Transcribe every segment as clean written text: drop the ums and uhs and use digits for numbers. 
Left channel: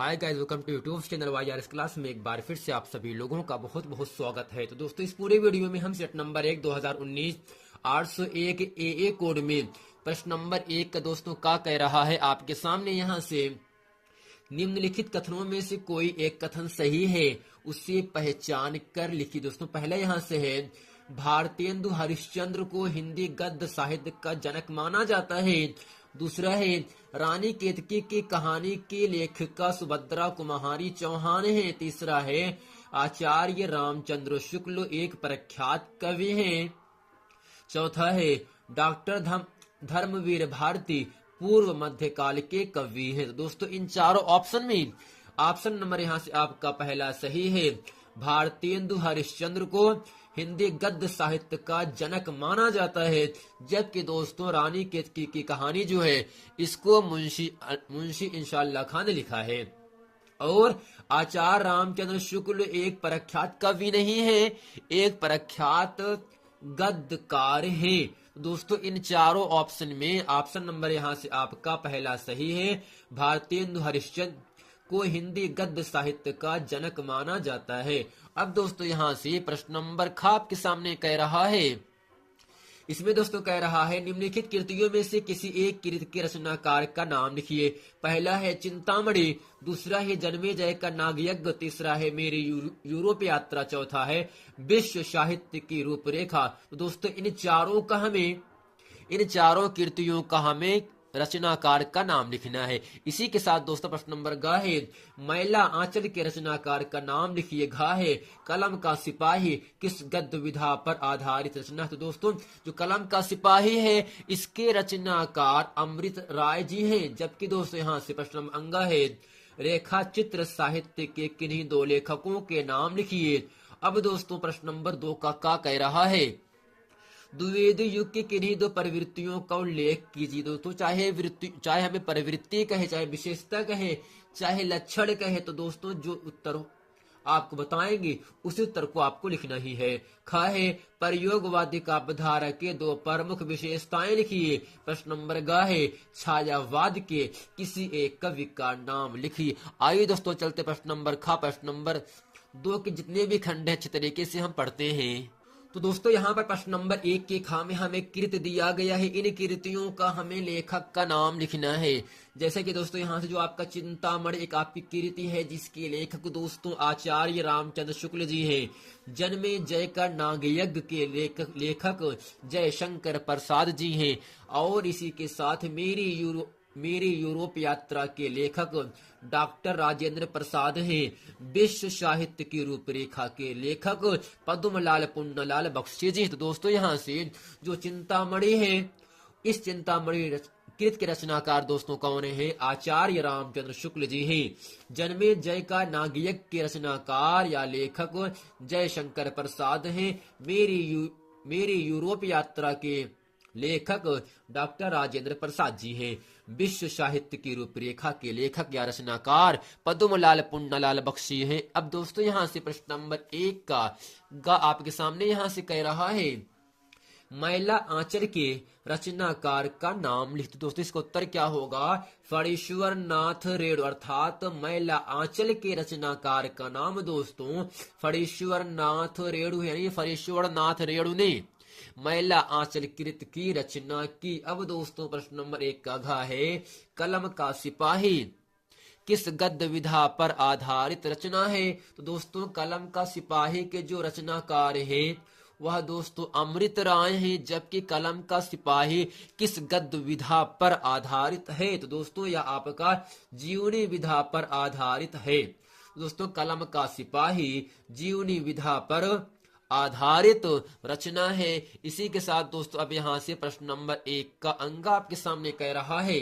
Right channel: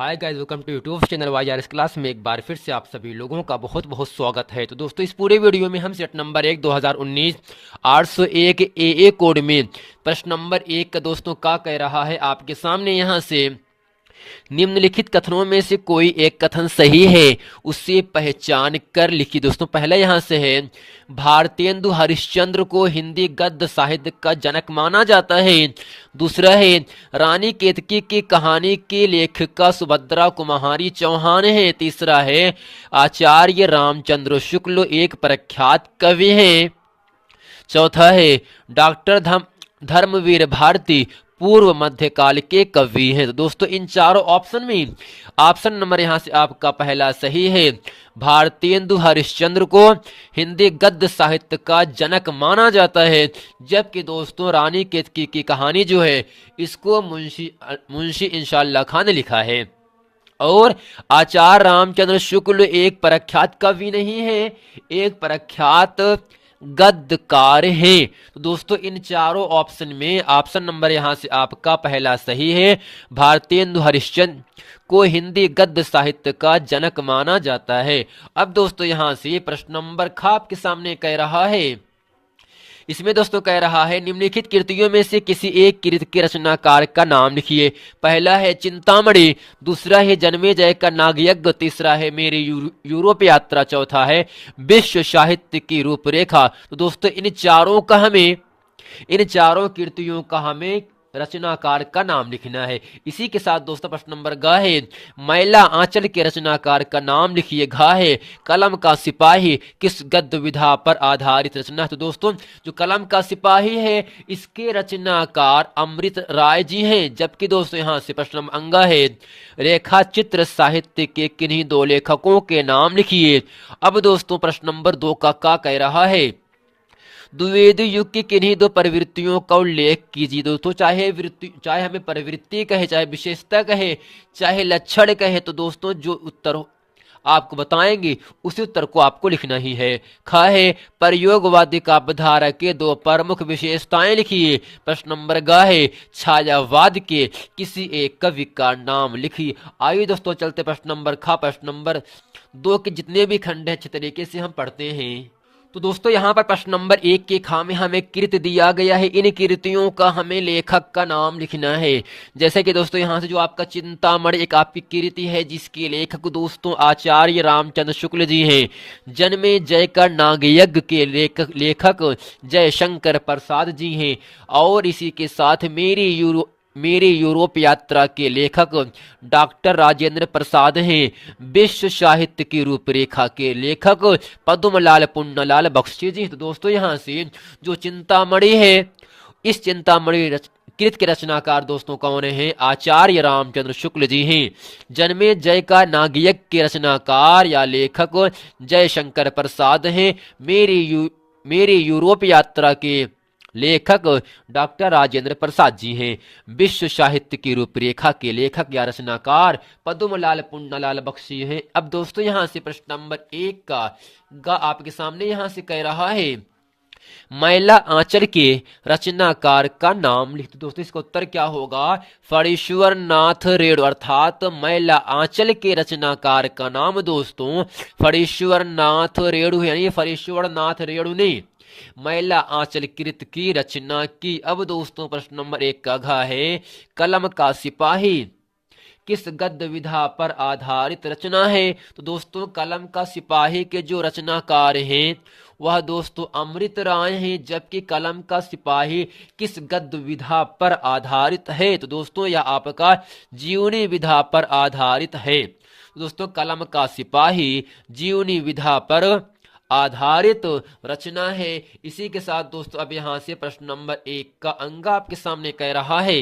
Hi guys, welcome to YouTube channel Y R इस class में एक बार फिर से आप सभी लोगों का बहुत बहुत स्वागत है। तो दोस्तों, इस पूरे वीडियो में हम सेट नंबर 1 2019 801 ए कोड में प्रश्न नंबर 1 का दोस्तों का कह रहा है आपके सामने। यहाँ से निम्नलिखित कथनों में से कोई एक कथन सही है, उसे पहचान कर लिखिए। दोस्तों, पहला यहाँ से है, भारतेंदु हरिश्चंद्र को हिंदी गद्य साहित्य का जनक माना जाता है। दूसरा है, रानी केतकी की कहानी के लेखिका सुभद्रा कुमारी चौहान है। तीसरा है, आचार्य रामचंद्र शुक्ल एक प्रख्यात कवि हैं। चौथा है, डॉक्टर धर्मवीर भारती पूर्व मध्यकाल के कवि हैं। तो दोस्तों, इन चारों ऑप्शन में ऑप्शन नंबर यहाँ से आपका पहला सही है। भारतेंदु हरिश्चंद्र को हिंदी गद्य साहित्य का जनक माना जाता है, जबकि दोस्तों रानी केतकी की कहानी जो है इसको मुंशी इंशाअल्लाह खान ने लिखा है। और आचार्य रामचंद्र शुक्ल एक प्रख्यात कवि नहीं है, एक प्रख्यात गद्यकार है। तो दोस्तों, इन चारों ऑप्शन में ऑप्शन नंबर यहां से आपका पहला सही है। भारतेंदु हरिश्चंद्र को हिंदी गद्य साहित्य का जनक माना जाता है। अब दोस्तों, यहां से प्रश्न नंबर ख आपके सामने कह रहा है। इसमें दोस्तों कह रहा है, निम्नलिखित कृतियों में से किसी एक कृति के रचनाकार का नाम लिखिए। पहला है चिंतामणि, दूसरा है जन्मेजय का नागयज्ञ, तीसरा है मेरी यूरोप यात्रा, चौथा है विश्व साहित्य की रूपरेखा। तो दोस्तों, इन चारों कृतियों का हमें रचनाकार का नाम लिखना है। इसी के साथ दोस्तों प्रश्न नंबर ग है, मैला आंचल के रचनाकार का नाम लिखिए। घ है, कलम का सिपाही किस गद्य विधा पर आधारित रचना है। तो दोस्तों, जो कलम का सिपाही है इसके रचनाकार अमृत राय जी हैं। जबकि दोस्तों यहाँ से प्रश्न नंबर अंगा है, रेखा चित्र साहित्य के किन्हीं दो लेखकों के नाम लिखिए। अब दोस्तों प्रश्न नंबर 2 का कह रहा है, द्विवेदी युग की किन्हीं दो प्रवृत्तियों का उल्लेख कीजिए। दोस्तों, चाहे हमें प्रवृत्ति कहे, चाहे विशेषता कहे, चाहे लक्षण कहे, तो दोस्तों जो उत्तर आपको बताएंगे उसी उत्तर को आपको लिखना ही है। ख है, प्रयोगवादी काव्यधारा के दो प्रमुख विशेषताएं लिखिए। प्रश्न नंबर ग है, छायावाद के किसी एक कवि का नाम लिखिए। आइए दोस्तों चलते प्रश्न नंबर ख। प्रश्न नंबर 2 के जितने भी खंड है अच्छे तरीके से हम पढ़ते हैं। तो दोस्तों, यहाँ पर प्रश्न नंबर 1 के खा में हमें कृति दिया गया है। इन कृतियों का हमें लेखक का नाम लिखना है। जैसे कि दोस्तों यहाँ से जो आपका चिंतामणि एक आपकी कृति है, जिसके लेखक दोस्तों आचार्य रामचंद्र शुक्ल जी हैं। जन्मेजय का नागयज्ञ के लेखक जयशंकर प्रसाद जी हैं। और इसी के साथ मेरी यूरोप यात्रा के लेखक डॉक्टर राजेंद्र प्रसाद हैं। विश्व साहित्य की रूपरेखा के लेखक पद्मलाल पुन्नलाल बख्शी जी। तो दोस्तों, यहाँ से जो चिंतामणि है, इस चिंतामणि कृत के रचनाकार दोस्तों कौन है? आचार्य रामचंद्र शुक्ल जी हैं। जन्मेजय का नागयज्ञ के रचनाकार या लेखक जयशंकर प्रसाद हैं। मेरी यूरोप यात्रा के लेखक डॉक्टर राजेंद्र प्रसाद जी हैं। विश्व साहित्य की रूपरेखा के लेखक या रचनाकार पद्मलाल पुन्नलाल बख्शी हैं। अब दोस्तों, यहां से प्रश्न नंबर 1 का आपके सामने यहां से कह रहा है, मैला आंचल के रचनाकार का नाम लिखते। दोस्तों, इसका उत्तर क्या होगा? फणीश्वर नाथ रेणु, अर्थात मैला आंचल के रचनाकार का नाम दोस्तों फणीश्वर नाथ रेणु है। यानी फणीश्वर नाथ रेणु ने मैला आंचल कृत की रचना की। अब दोस्तों प्रश्न नंबर 1 का घ है, कलम का सिपाही किस गद्य विधा पर आधारित रचना है। तो दोस्तों, कलम का सिपाही के जो रचनाकार हैं वह दोस्तों अमृत राय हैं। जबकि कलम का सिपाही किस गद्य विधा पर आधारित है? तो दोस्तों यह आपका जीवनी विधा पर आधारित है। दोस्तों, कलम का सिपाही जीवनी विधा पर आधारित रचना है। इसी के साथ दोस्तों अब यहां से प्रश्न नंबर 1 का अंग आपके सामने कह रहा है,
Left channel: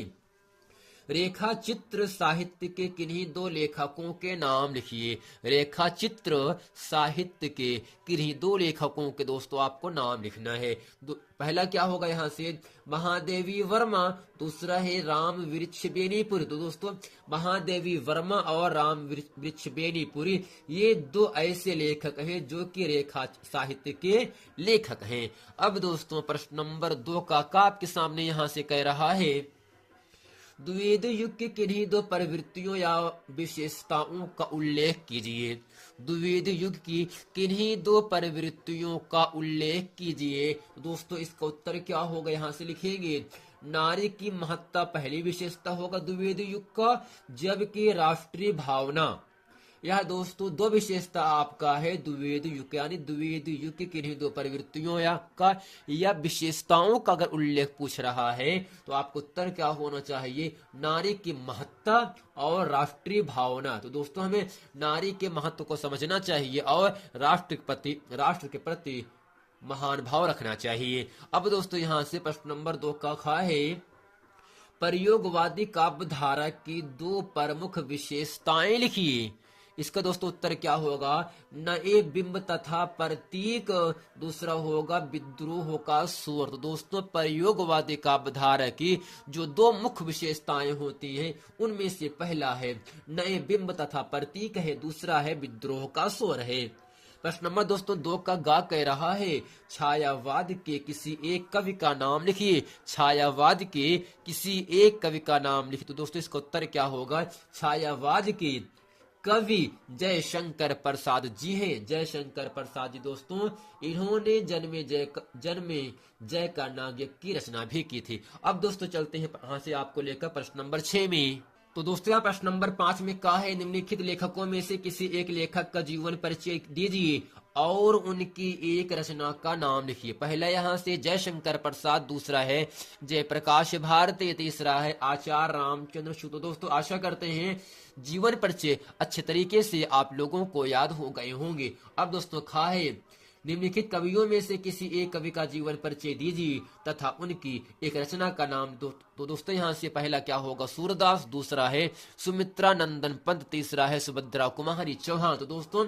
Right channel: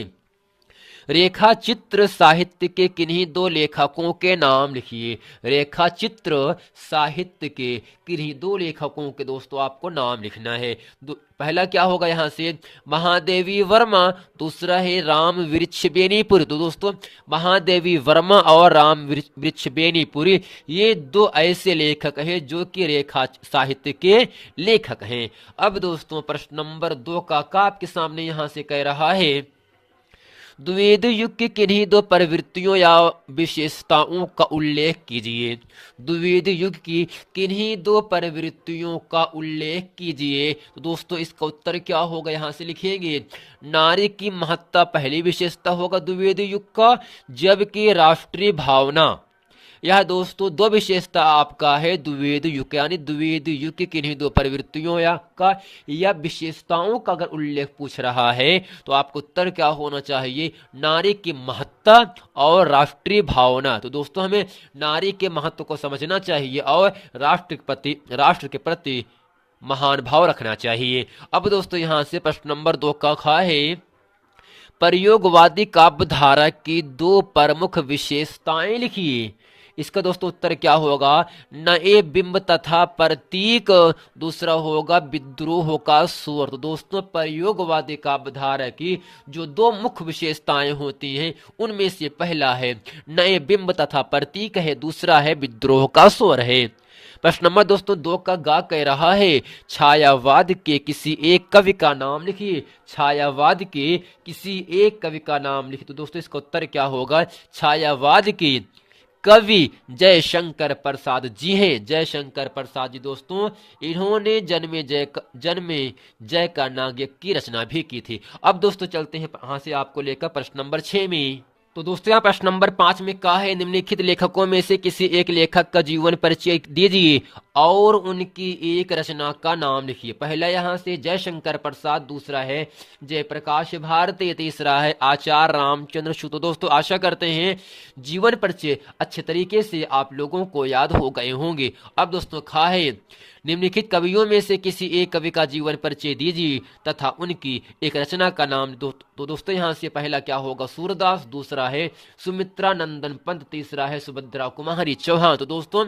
रेखा चित्र साहित्य के किन्हीं दो लेखकों के नाम लिखिए। रेखा चित्र साहित्य के किन्हीं दो लेखकों के दोस्तों आपको नाम लिखना है। पहला क्या होगा यहाँ से? महादेवी वर्मा, दूसरा है राम वृक्ष बेनीपुरी। तो दोस्तों, महादेवी वर्मा और राम वृक्ष बेनीपुरी ये दो ऐसे लेखक हैं जो कि रेखा साहित्य के लेखक हैं। अब दोस्तों प्रश्न नंबर 2 का आपके सामने यहाँ से कह रहा है, द्विवेद युग की किन्हीं दो प्रवृत्तियों या विशेषताओं का उल्लेख कीजिए। द्विवेद युग की किन्हीं दो प्रवृत्तियों का उल्लेख कीजिए। तो दोस्तों इसका उत्तर क्या होगा, यहाँ से लिखेंगे नारी की महत्ता पहली विशेषता होगा द्विवेद युग का, जबकि राष्ट्रीय भावना, यह दोस्तों दो विशेषता आपका है द्विवेद युग, यानी द्विवेद युग की किन्हीं दो प्रवृत्तियों या विशेषताओं का अगर उल्लेख पूछ रहा है तो आपको उत्तर क्या होना चाहिए, नारी की महत्ता और राष्ट्रीय भावना। तो दोस्तों हमें नारी के महत्व को समझना चाहिए और राष्ट्र के प्रति महान भाव रखना चाहिए। अब दोस्तों यहां से प्रश्न नंबर 2 का खा है, प्रयोगवादी काव्यधारा की दो प्रमुख विशेषताएं लिखिए। इसका दोस्तों उत्तर क्या होगा, नए बिंब तथा प्रतीक, दूसरा होगा विद्रोह का स्वर। तो दोस्तों प्रयोगवादी काव्यधारा की जो दो मुख्य विशेषताएं होती हैं उनमें से पहला है नए बिंब तथा प्रतीक है, दूसरा है विद्रोह का स्वर है। प्रश्न नंबर दोस्तों 2 का गा कह रहा है, छायावाद के किसी एक कवि का नाम लिखिए। छायावाद के किसी एक कवि का नाम लिखिए। तो दोस्तों इसका उत्तर क्या होगा, छायावाद के कवि जयशंकर प्रसाद जी हैं। जयशंकर प्रसाद जी दोस्तों इन्होंने जन्मे जय का नाग्य की रचना भी की थी। अब दोस्तों चलते हैं यहां से आपको लेकर प्रश्न नंबर 6 में। तो दोस्तों यहाँ प्रश्न नंबर 5 में कहा है, निम्नलिखित लेखकों में से किसी एक लेखक का जीवन परिचय दीजिए और उनकी एक रचना का नाम लिखिए। पहला यहाँ से जयशंकर प्रसाद, दूसरा है जयप्रकाश भारती, तीसरा है आचार्य रामचंद्र शुक्ल। तो दोस्तों आशा करते हैं जीवन परिचय अच्छे तरीके से आप लोगों को याद हो गए होंगे। अब दोस्तों खा है, निम्नलिखित कवियों में से किसी एक कवि का जीवन परिचय दीजिए तथा उनकी एक रचना का नाम। तो दोस्तों यहाँ से पहला क्या होगा, सूरदास, दूसरा है सुमित्रा नंदन पंत, तीसरा है सुभद्रा कुमारी चौहान। तो दोस्तों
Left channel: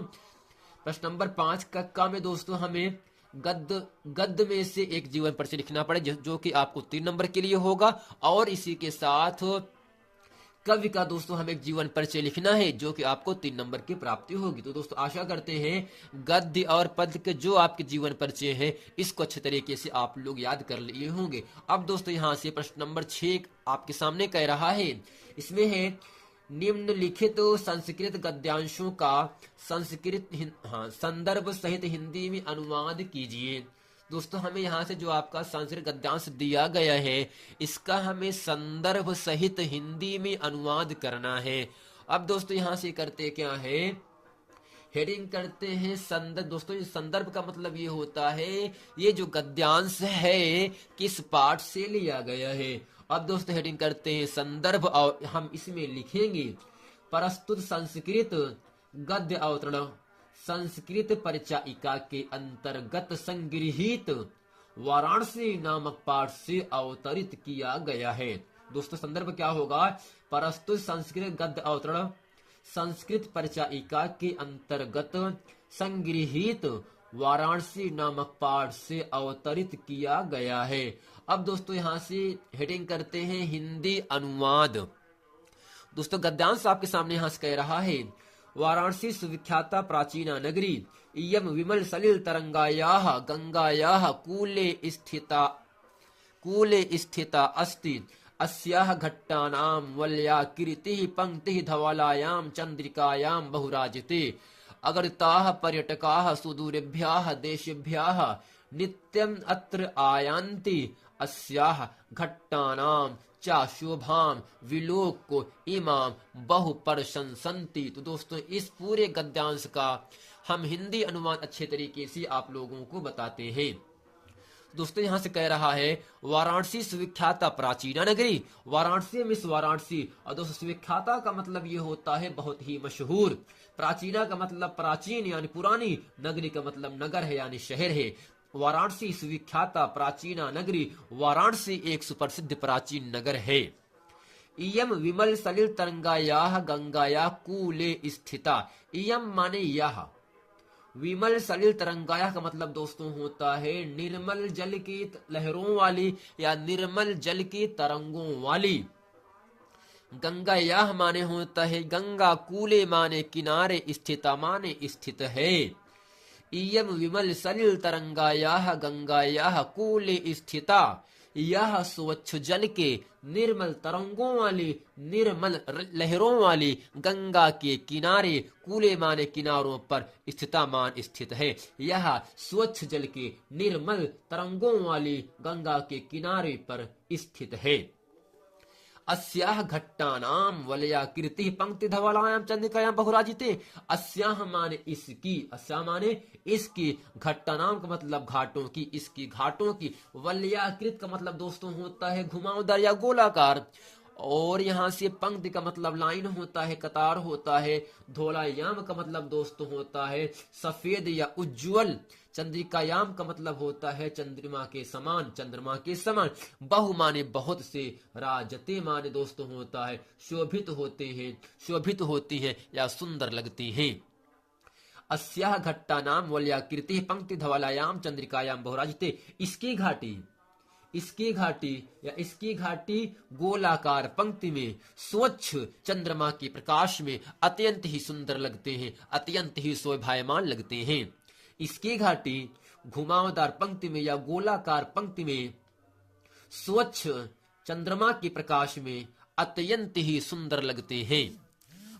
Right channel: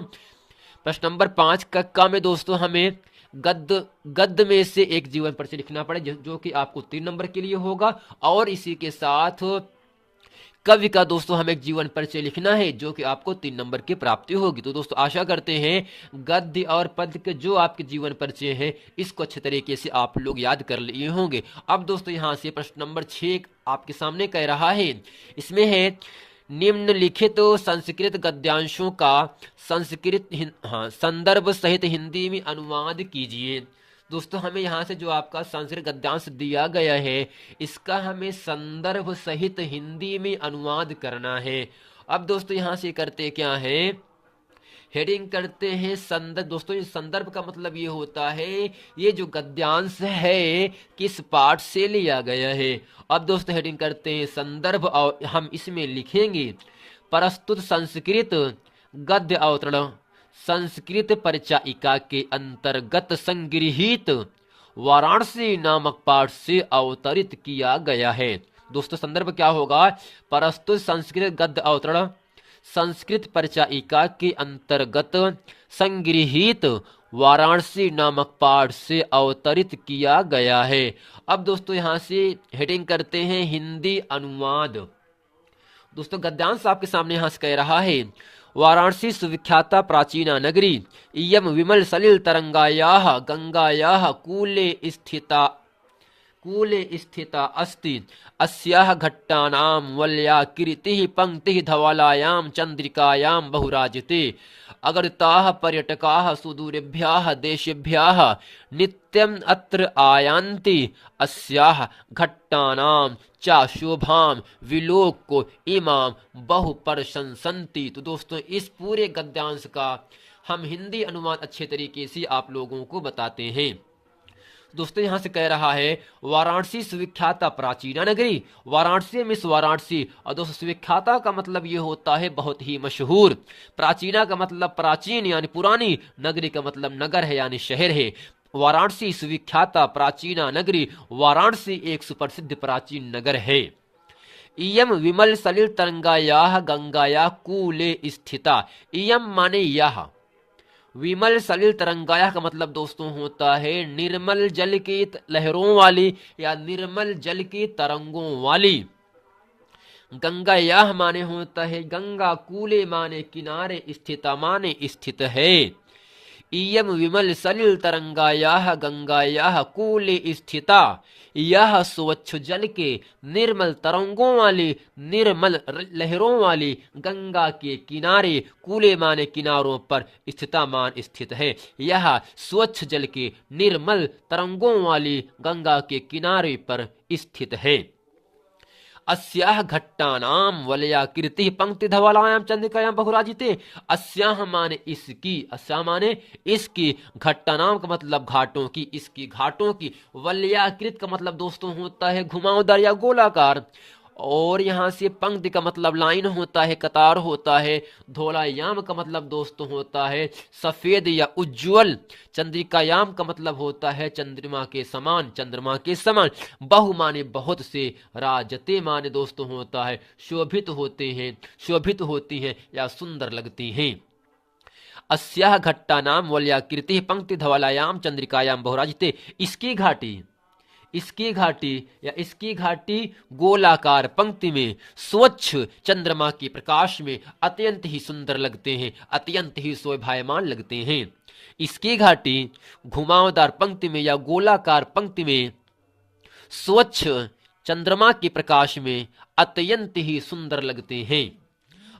प्रश्न नंबर 5 का में दोस्तों हमें गद्य में से एक जीवन परिचय लिखना पड़े जो कि आपको 3 नंबर के लिए होगा, और इसी के साथ कवि का दोस्तों हमें एक जीवन परिचय लिखना है जो कि आपको 3 नंबर की प्राप्ति होगी। तो दोस्तों आशा करते हैं गद्य और पद्य के जो आपके जीवन परिचय हैं इसको अच्छे तरीके से आप लोग याद कर लिए होंगे। अब दोस्तों यहाँ से प्रश्न नंबर 6 आपके सामने कह रहा है, इसमें है निम्नलिखित संस्कृत गद्यांशों का संदर्भ सहित हिंदी में अनुवाद कीजिए। दोस्तों हमें यहाँ से जो आपका संस्कृत गद्यांश दिया गया है इसका हमें संदर्भ सहित हिंदी में अनुवाद करना है। अब दोस्तों यहाँ से करते क्या है, हेडिंग करते हैं संदर्भ। दोस्तों ये संदर्भ का मतलब ये होता है ये जो गद्यांश है किस पाठ से लिया गया है। अब दोस्तों हेडिंग करते हैं संदर्भ और हम इसमें लिखेंगे प्रस्तुत संस्कृत गद्य अवतरण संस्कृत परिचायिका के अंतर्गत संगृहीत वाराणसी नामक पाठ से अवतरित किया गया है। दोस्तों संदर्भ क्या होगा, प्रस्तुत संस्कृत गद्य अवतरण संस्कृत परिचायिका के अंतर्गत संगृहीत वाराणसी नामक पाठ से अवतरित किया गया है। अब दोस्तों यहां से हेडिंग करते हैं हिंदी अनुवाद। दोस्तों गद्यांश आपके सामने यहां से कह रहा है, वाराणसी सुविख्याता प्राचीना नगरी इयं विमल सलिल तरंगायाः गंगायाः कूले स्थिता अस्ति अस्याः घट्टानां वल्या कीर्तिः पंक्तिः धवलायां चंद्रिकायां बहुराजते अगणिताः पर्यटकाः सुदूरेभ्यः देशेभ्यः नित्यम् अत्र आयान्ति अस्याः घट्टानां चा शोभां विलोक्य इमां बहु प्रशंसन्ति। तो दोस्तों इस पूरे गद्यांश का हम हिंदी अनुवाद अच्छे तरीके से आप लोगों को बताते हैं। दोस्तों यहां से कह रहा है वाराणसी सुविख्याता प्राचीना नगरी, वाराणसी मिस वाराणसी। और दोस्तों सुविख्याता का मतलब ये होता है बहुत ही मशहूर, प्राचीना का मतलब प्राचीन यानी पुरानी, नगरी का मतलब नगर है यानी शहर है। वाराणसी सुविख्याता प्राचीना नगरी, वाराणसी एक सुप्रसिद्ध प्राचीन नगर है। इयम विमल सलिल तरंगायाः गंगाया कूले स्थिता, इयम माने यह, विमल सलिल तरंगाया का मतलब दोस्तों होता है निर्मल जल की लहरों वाली या निर्मल जल की तरंगों वाली। गंगायाः माने होता है गंगा, कूले माने किनारे, स्थिता माने स्थित है। इयम विमल सलिल तरंगायाः गंगायाः कूले स्थिता, यह स्वच्छ जल के निर्मल तरंगों वाली, निर्मल लहरों वाली गंगा के किनारे, कूले माने किनारों पर, स्थिता मान स्थित है। यह स्वच्छ जल के निर्मल तरंगों वाली गंगा के किनारे पर स्थित है। अस्याह घट्टानाम वलयाकृति पंक्ति धवलायाम चंद्रिकायाम बहुराजिते। अस्याह माने इसकी, अस्या माने इसकी, घट्टानाम का मतलब घाटों की, इसकी घाटों की, वलयाकृत का मतलब दोस्तों होता है घुमावदार या गोलाकार, और यहां से पंक्ति का मतलब लाइन होता है, कतार होता है। धौलायाम का मतलब दोस्तों होता है सफेद या उज्जवल। चंद्रिकायाम का मतलब होता है चंद्रमा के समान, चंद्रमा के समान। बहु माने बहुत से, राजते माने दोस्तों होता है शोभित होते हैं, शोभित होती हैं या सुंदर लगती हैं। अस्याह घट्टानाम वलयाकृति पंक्ति धवलायाम चंद्रिकायाम बहुराजिते। इसकी घाटी, इसकी घाटी या इसकी घाटी गोलाकार पंक्ति में स्वच्छ चंद्रमा के प्रकाश में अत्यंत ही सुंदर लगते हैं, अत्यंत ही शोभायमान लगते हैं। इसकी घाटी घुमावदार पंक्ति में या गोलाकार पंक्ति में स्वच्छ चंद्रमा के प्रकाश में अत्यंत ही सुंदर लगते हैं।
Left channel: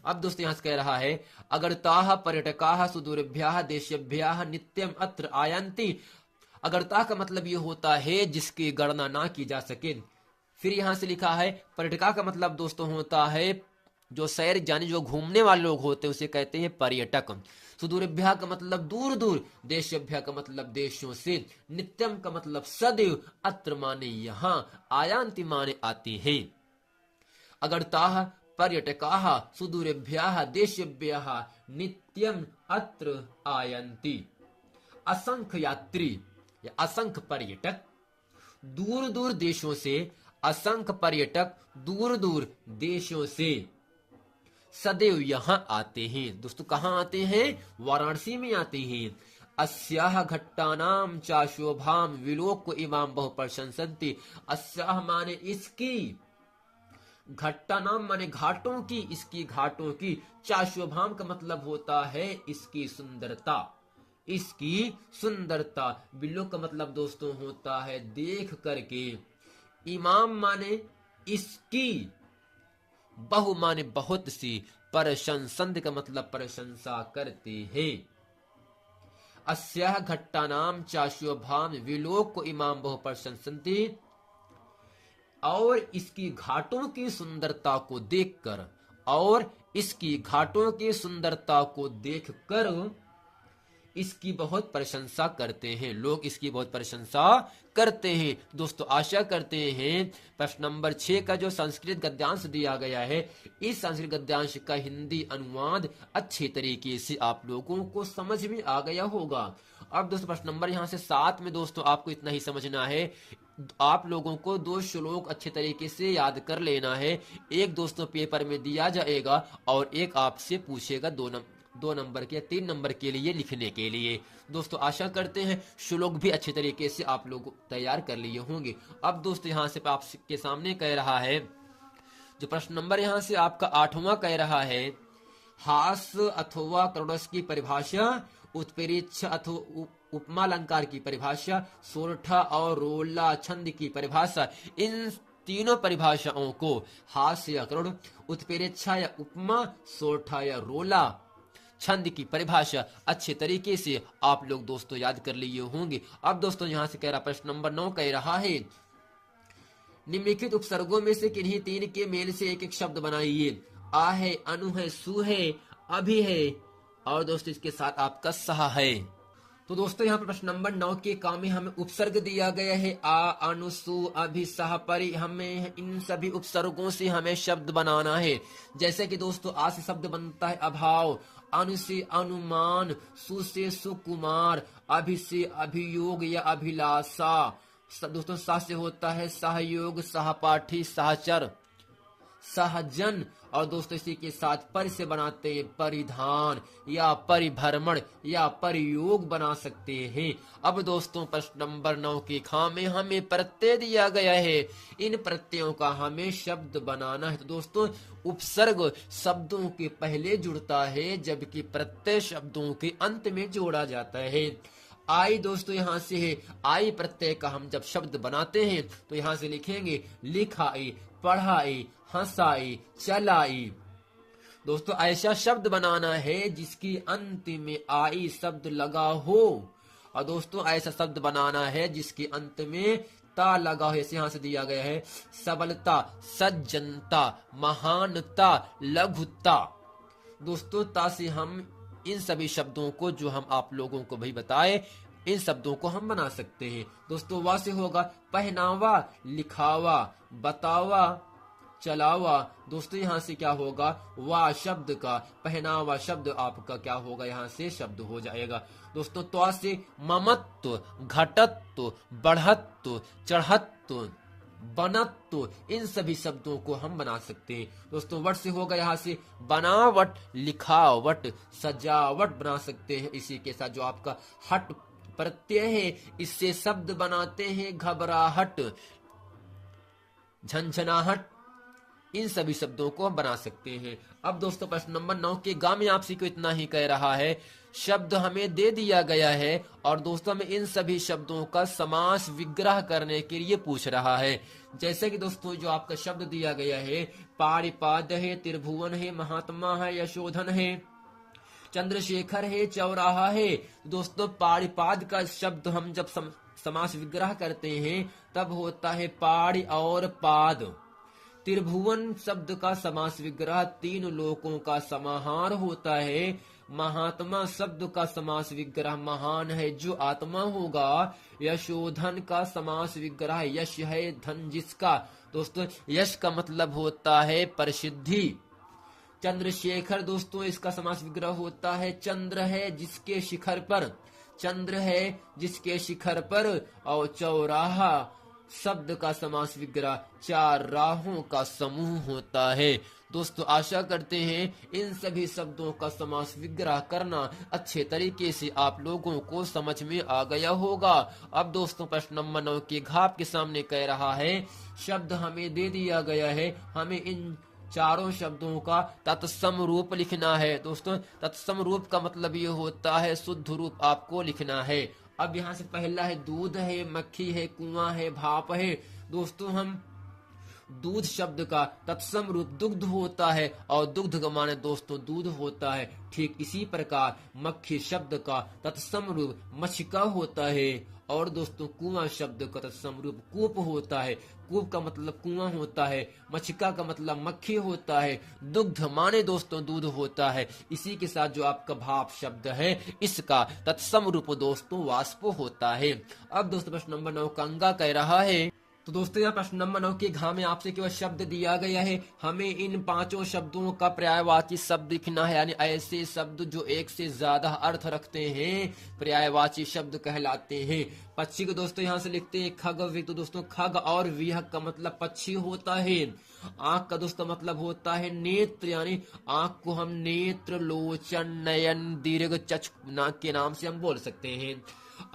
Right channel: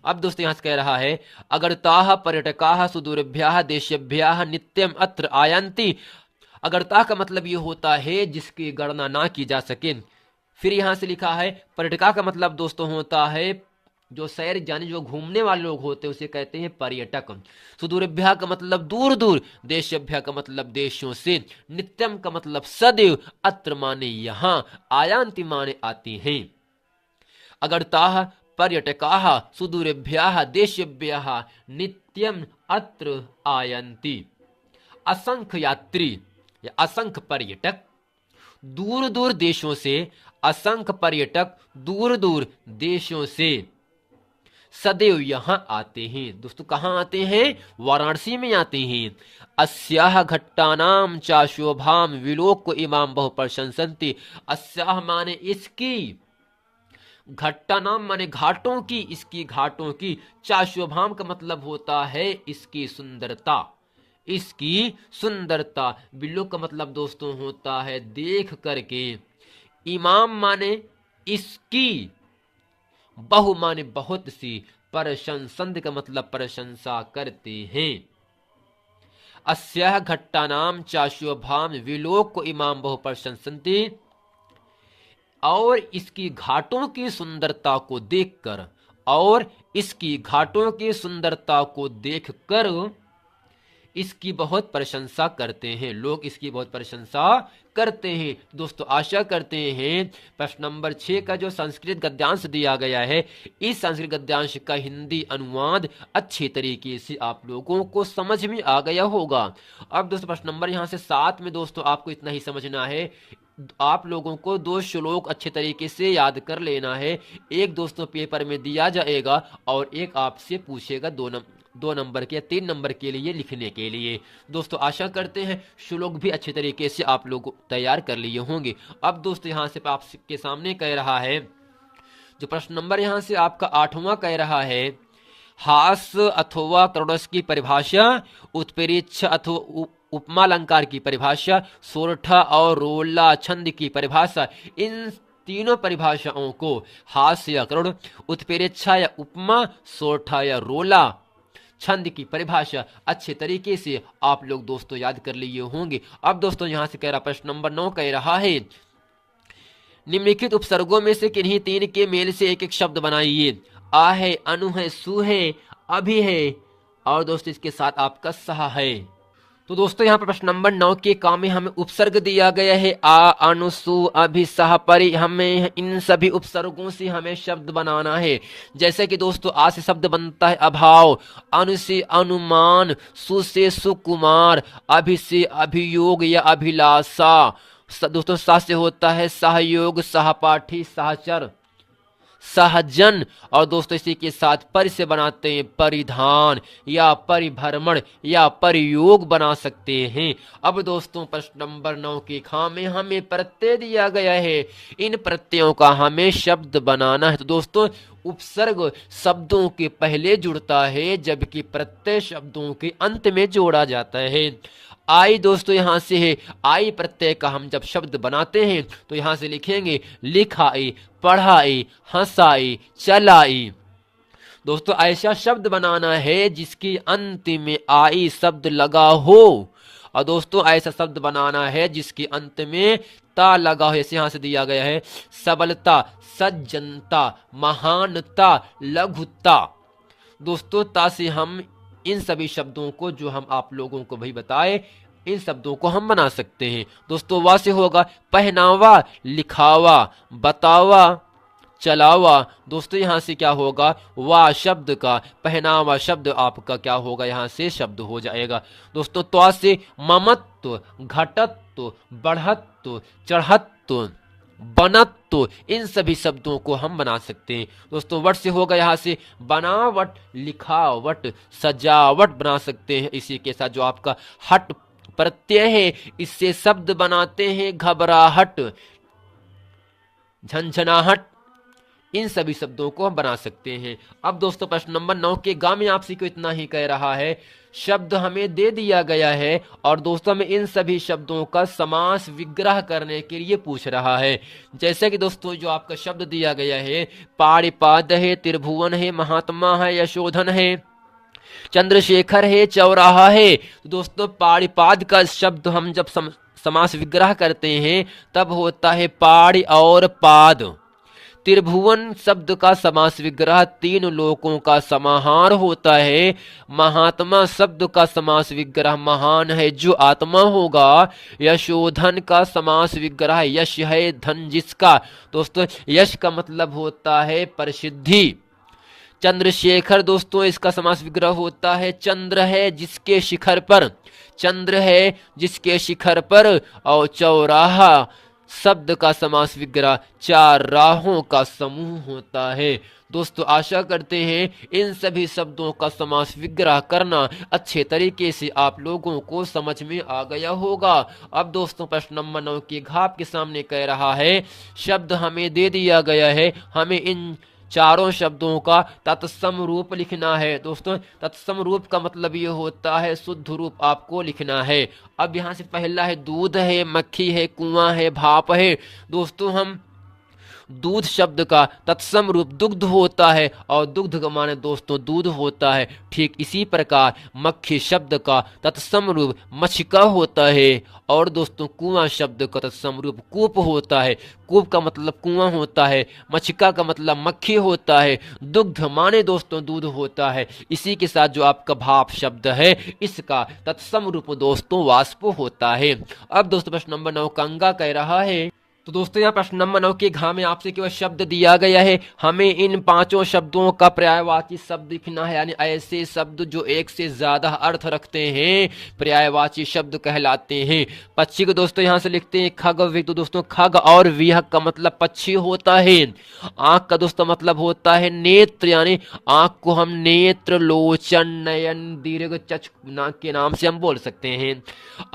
अब दोस्तों यहां से कह रहा है अगरताः पर्यटकाः सुदूरभ्यः देशेभ्यः नित्यम अत्र आयन्ति। अगरता का मतलब ये होता है जिसकी गणना ना की जा सके। फिर यहां से लिखा है पर्यटका का मतलब दोस्तों होता है जो सैर जाने, जो घूमने वाले लोग होते हैं उसे कहते हैं पर्यटक। सुदूरभ्या का मतलब दूर दूर, देशभ्या का मतलब देशों से, नित्यम का मतलब सदैव, अत्र माने यहाँ, आयांति माने आते हैं। अगरताः पर्यटकाः सुदूरभ्यः देशेभ्यः नित्यम अत्र आयन्ति। असंख्य यात्री या असंख्य पर्यटक दूर दूर देशों से, असंख्य पर्यटक दूर दूर देशों से सदैव यहां आते हैं। दोस्तों कहां आते हैं? वाराणसी में आते हैं। अस्याह घट्टानाम चा शोभाम विलोक इमाम बहु प्रशंसन्ति। अस्याह माने इसकी, घट्टानाम माने घाटों की, इसकी घाटों की, चा शोभाम का मतलब होता है इसकी सुंदरता, इसकी सुंदरता। बिल्लो का मतलब दोस्तों होता है देख करके। इमाम माने इसकी, बहु माने बहुत सी, प्रशंसन्त का मतलब प्रशंसा करते हैं। अस्याह घट्टानाम चा शोभाम विलोक इमाम बहु प्रशंसन्ति। और इसकी घाटों की सुंदरता को देखकर, और इसकी घाटों की सुंदरता को देखकर इसकी बहुत प्रशंसा करते हैं, लोग इसकी बहुत प्रशंसा करते हैं। दोस्तों आशा करते हैं प्रश्न नंबर 6 का जो संस्कृत गद्यांश दिया गया है, इस संस्कृत गद्यांश का हिंदी अनुवाद अच्छे तरीके से आप लोगों को समझ में आ गया होगा। अब दोस्तों प्रश्न नंबर यहाँ से 7 में दोस्तों आपको इतना ही समझना है, आप लोगों को 2 श्लोक अच्छे तरीके से याद कर लेना है। एक दोस्तों पेपर में दिया जाएगा और एक आपसे पूछेगा 2 नंबर के या 3 नंबर के लिए लिखने के लिए। दोस्तों आशा करते हैं श्लोक भी अच्छे तरीके से आप लोग तैयार कर लिए होंगे। अब दोस्तों यहाँ से आपके सामने कह रहा है, जो प्रश्न नंबर यहाँ से आपका 8वां कह रहा है, हास अथवा करुणस की परिभाषा, उत्प्रेक्ष अथवा उपमा अलंकार की परिभाषा, सोरठा और रोला छंद की परिभाषा, इन तीनों परिभाषाओं को हास्य या करुण, उत्प्रेक्षा या उपमा, सोरठा या रोला छंद की परिभाषा अच्छे तरीके से आप लोग दोस्तों याद कर लिए होंगे। अब दोस्तों यहां से कह रहा प्रश्न नंबर 9 कह रहा है, निम्नलिखित उपसर्गों में से किन्हीं 3 के मेल से एक एक शब्द बनाइए। आ है, अनु है, सु है, अभी है, और दोस्तों इसके साथ आपका सहा है। तो दोस्तों यहाँ पर प्रश्न नंबर 9 के काम में हमें उपसर्ग दिया गया है आ, अनु, सु, अभि, सह, परि। हमें इन सभी उपसर्गों से हमें शब्द बनाना है। जैसे कि दोस्तों आ से शब्द बनता है अभाव, अनु से अनुमान, सु से सुकुमार, अभि से अभियोग या अभिलाषा, दोस्तों सा से होता है सहयोग, सहपाठी, सहचर, सहजन, और दोस्तों इसी के साथ पर से बनाते हैं परिधान या परिभ्रमण या परियोग बना सकते हैं। अब दोस्तों प्रश्न नंबर 9 के खा में हमें प्रत्यय दिया गया है, इन प्रत्ययों का हमें शब्द बनाना है। तो दोस्तों उपसर्ग शब्दों के पहले जुड़ता है, जबकि प्रत्यय शब्दों के अंत में जोड़ा जाता है। आई दोस्तों यहां से है, आई प्रत्यय का हम जब शब्द बनाते हैं तो यहां से लिखेंगे लिखाई, पढ़ाई, हंसाई, चलाई। दोस्तों ऐसा शब्द बनाना है जिसकी अंत में आई शब्द लगा हो, और दोस्तों ऐसा शब्द बनाना है जिसके अंत में ता लगा हो। जैसे यहां से दिया गया है सबलता, सज्जनता, महानता, लघुता। दोस्तों ता से हम इन सभी शब्दों को, जो हम आप लोगों को भी बताए, इन शब्दों को हम बना सकते हैं। दोस्तों वा से होगा पहनावा, लिखावा, बतावा, चलावा। दोस्तों यहां से क्या होगा, वा शब्द का पहनावा शब्द आपका क्या होगा, यहां से शब्द हो जाएगा। दोस्तों त्वा से ममत्व, घटत्व, बढ़त्व, चढ़त्व, बनत्व, इन सभी शब्दों को हम बना सकते हैं। दोस्तों वट से होगा यहां से बनावट, लिखावट, सजावट बना सकते हैं। इसी के साथ जो आपका हट प्रत्यय है, इससे शब्द बनाते हैं घबराहट, झंझनाहट, इन सभी शब्दों को हम बना सकते हैं। अब दोस्तों प्रश्न नंबर 9 के गा में आपसे को इतना ही कह रहा है, शब्द हमें दे दिया गया है और दोस्तों में इन सभी शब्दों का समास विग्रह करने के लिए पूछ रहा है। जैसे कि दोस्तों जो आपका शब्द दिया गया है, पारिपाद है, त्रिभुवन है, महात्मा है, यशोधन है, चंद्रशेखर है, चौराहा है। दोस्तों पारिपाद का शब्द हम जब समास विग्रह करते हैं तब होता है पारि और पाद। त्रिभुवन शब्द का समास विग्रह तीन लोकों का समाहार होता है। महात्मा शब्द का समास विग्रह महान है जो आत्मा होगा। यशोधन का समास विग्रह यश है, धन जिसका। दोस्तों यश का मतलब होता है प्रसिद्धि। चंद्रशेखर दोस्तों इसका समास विग्रह होता है चंद्र है जिसके शिखर पर, चंद्र है जिसके शिखर पर। और चौराहा शब्द का समास विग्रह चार राहों का समूह होता है। दोस्तों आशा करते हैं इन सभी शब्दों का समास विग्रह करना अच्छे तरीके से आप लोगों को समझ में आ गया होगा। अब दोस्तों प्रश्न नंबर 9 के घाप के सामने कह रहा है, शब्द हमें दे दिया गया है, हमें इन चारों शब्दों का तत्सम रूप लिखना है। दोस्तों तत्सम रूप का मतलब ये होता है शुद्ध रूप आपको लिखना है। अब यहाँ से पहला है दूध है, मक्खी है, कुआं है, भाप है। दोस्तों हम दूध शब्द का तत्सम रूप दुग्ध होता है और दुग्ध का माने दोस्तों दूध होता है। ठीक इसी प्रकार मक्खी शब्द का तत्सम रूप मछिका होता है और दोस्तों कुआं शब्द का तत्सम रूप कूप होता है। कूप का मतलब कुआं होता है, मछिका का मतलब मक्खी होता है, दुग्ध माने दोस्तों दूध होता है। इसी के साथ जो आपका भाप शब्द है इसका तत्सम रूप दोस्तों वाष्प होता है। अब दोस्तों प्रश्न नंबर 9 कंगा कह रहा है, तो दोस्तों यहाँ प्रश्न नंबर 9 के घा में आपसे केवल शब्द दिया गया है, हमें इन पांचों शब्दों का पर्यायवाची शब्द लिखना है। यानी ऐसे शब्द जो एक से ज्यादा अर्थ रखते हैं पर्यायवाची शब्द कहलाते हैं। पक्षी को दोस्तों यहाँ से लिखते हैं खग विग। तो दोस्तों खग और विहग का मतलब पक्षी होता है। आंख का दोस्तों मतलब होता है नेत्र, यानी आंख को हम नेत्र, लोचन, नयन, दीर्घ, चक्ष के नाम से हम बोल सकते हैं।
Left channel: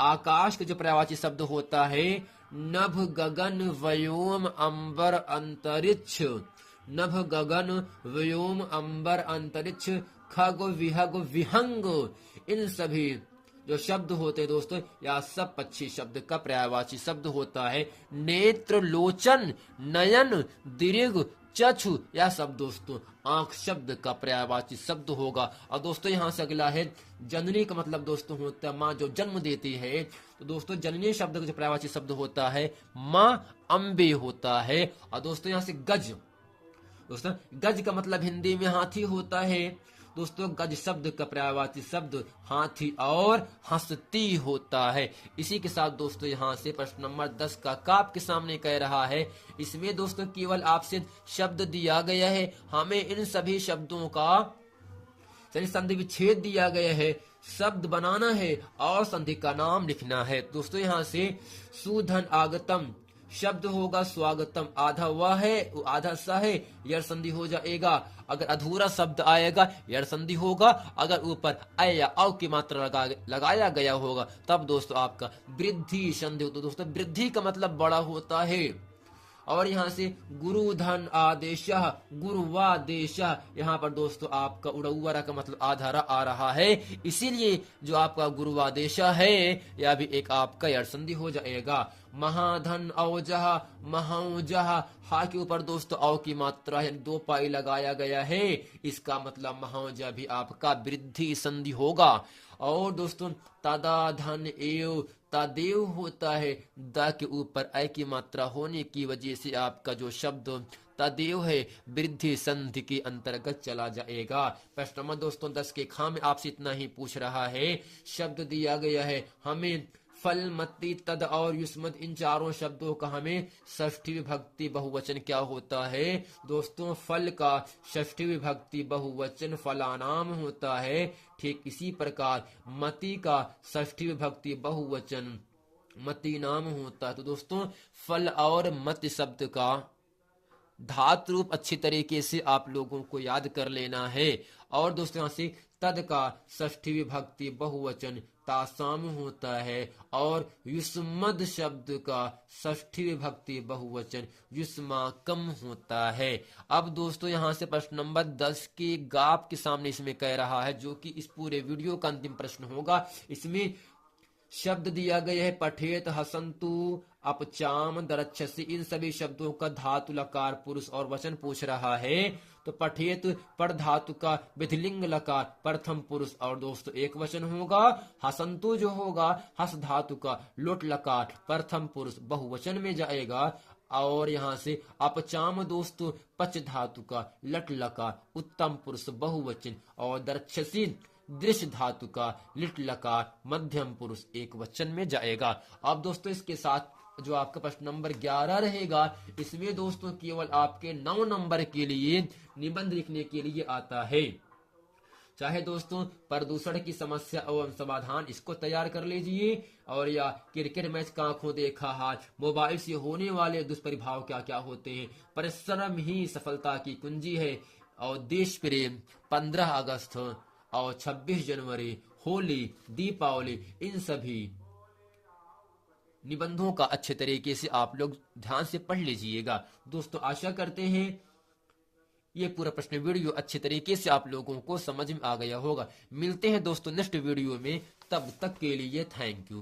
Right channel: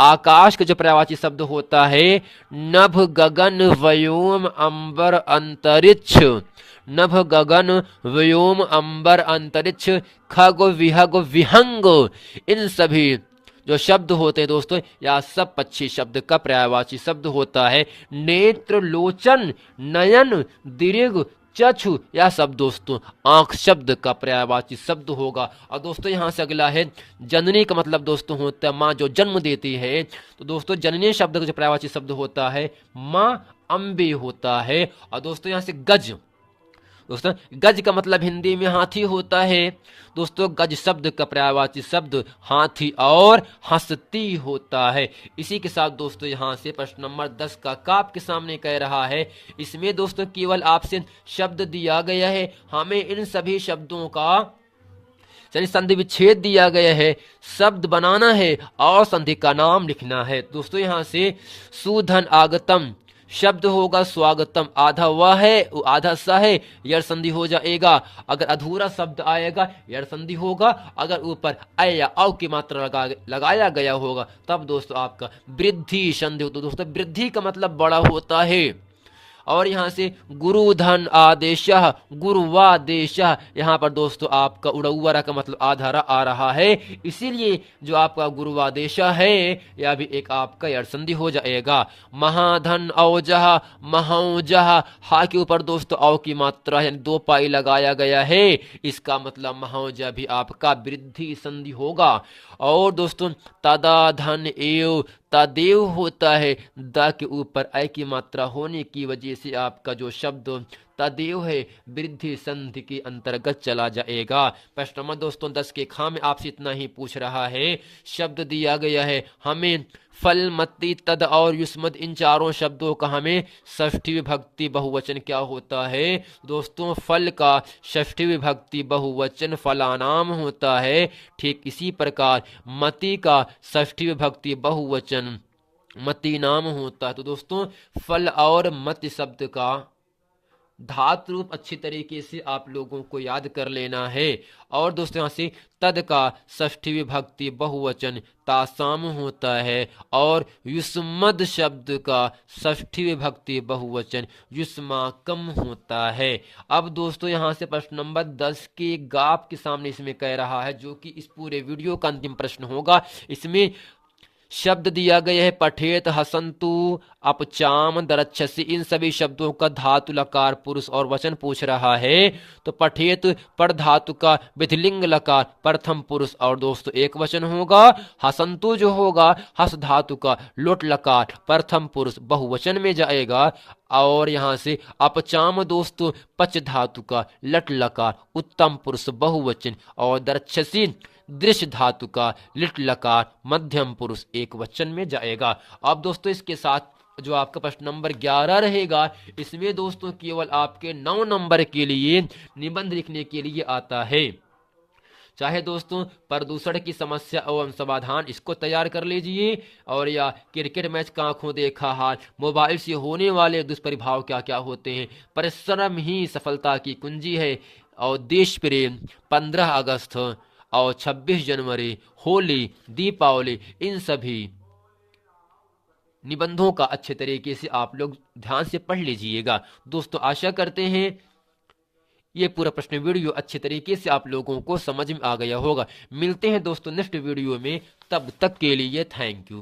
आकाश का जो पर्यायवाची शब्द होता है नभ, गगन, व्योम, अंबर, अंतरिक्ष। नभ, गगन, व्योम, अंबर, अंतरिक्ष, खग, विहग, विहंग। इन सभी जो शब्द होते हैं दोस्तों या सब पक्षी शब्द का पर्यायवाची शब्द होता है नेत्र, लोचन, नयन, दीर्घ, चक्षु। यह सब दोस्तों आंख शब्द का पर्यायवाची शब्द होगा। और दोस्तों यहां से अगला है जननी का मतलब दोस्तों होता है माँ जो जन्म देती है। तो दोस्तों जननी शब्द का जो पर्यायवाची शब्द होता है माँ अम्बे होता है। और दोस्तों यहां से गज, दोस्तों गज का मतलब हिंदी में हाथी होता है। दोस्तों गज शब्द का पर्यायवाची शब्द हाथी और हंसती होता है। इसी के साथ दोस्तों यहाँ से प्रश्न नंबर 10 का काप के सामने कह रहा है, इसमें दोस्तों केवल आपसे शब्द दिया गया है, हमें इन सभी शब्दों का संधि विच्छेद दिया गया है, शब्द बनाना है और संधि का नाम लिखना है। दोस्तों यहाँ से सुधन आगतम, शब्द होगा स्वागतम, आधा वह है आधा सा है, यड़ संधि हो जाएगा। अगर अधूरा शब्द आएगा यड़ संधि होगा। अगर ऊपर अ या औ की मात्रा लगाया गया होगा तब दोस्तों आपका वृद्धि संधि होता है। दोस्तों वृद्धि का मतलब बड़ा होता है। और यहाँ से गुरुधन आदेशः, गुरुवादेशः, यहाँ पर दोस्तों आपका उड़ौरा का मतलब आधारा आ रहा है, इसीलिए जो आपका गुरुवादेशः है यह भी एक आपका यड़ संधि हो जाएगा। महाधन औजह, महौजह, हा के ऊपर दोस्तों औ की मात्रा यानी 2 पाई लगाया गया है, इसका मतलब महौजह भी आपका वृद्धि संधि होगा। और दोस्तों तदा धन एव, तदेव होता है, द के ऊपर ऐ की मात्रा होने की वजह से आपका जो शब्द तदेव है वृद्धि संधि के अंतर्गत चला जाएगा। प्रश्न नंबर दोस्तों 10 के खा में आपसे इतना ही पूछ रहा है। शब्द दिया गया है हमें, फल, मत्ती, तद और युष्मद, इन चारों शब्दों का हमें षष्ठी विभक्ति बहुवचन क्या होता है। दोस्तों फल का षष्ठी विभक्ति बहुवचन फलानाम होता है। ठीक इसी प्रकार मति का षष्ठी विभक्ति बहुवचन मति नाम होता है। तो दोस्तों फल और मति शब्द का धातु रूप अच्छी तरीके से आप लोगों को याद कर लेना है। और दोस्तों यहाँ से तद का षष्ठी विभक्ति बहुवचन तासाम होता है और युष्मद शब्द का षष्ठी विभक्ति बहुवचन युष्माकम होता है। अब दोस्तों यहाँ से प्रश्न नंबर 10 के गाप के सामने इसमें कह रहा है, जो कि इस पूरे वीडियो का अंतिम प्रश्न होगा। इसमें शब्द दिया गया है पठेत, हसंतु, अपचाम, दरच्छसी, इन सभी शब्दों का धातु लकार पुरुष और वचन पूछ रहा है। तो पठेत पर धातु का विधिलिंग लकार प्रथम पुरुष और दोस्तों एक वचन होगा। हसंतु जो होगा हस धातु का लोट लकार प्रथम पुरुष बहुवचन में जाएगा। और यहाँ से अपचाम दोस्तों पच धातु का लट लकार उत्तम पुरुष बहुवचन और दरच्छसी दृश्य धातु का लिट लकार मध्यम पुरुष एक वचन में जाएगा। अब दोस्तों इसके साथ जो आपका प्रश्न नंबर 11 रहेगा, इसमें दोस्तों केवल आपके 9 नंबर के लिए निबंध लिखने के लिए आता है। चाहे दोस्तों प्रदूषण की समस्या एवं समाधान इसको तैयार कर लीजिए, और या क्रिकेट मैच का आंखों देखा हाल, मोबाइल से होने वाले दुष्प्रभाव क्या क्या होते हैं, परिश्रम ही सफलता की कुंजी है, और देश प्रेम, 15 अगस्त और 26 जनवरी, होली, दीपावली, इन सभी निबंधों का अच्छे तरीके से आप लोग ध्यान से पढ़ लीजिएगा। दोस्तों आशा करते हैं ये पूरा प्रश्न वीडियो अच्छे तरीके से आप लोगों को समझ में आ गया होगा। मिलते हैं दोस्तों नेक्स्ट वीडियो में, तब तक के लिए थैंक यू।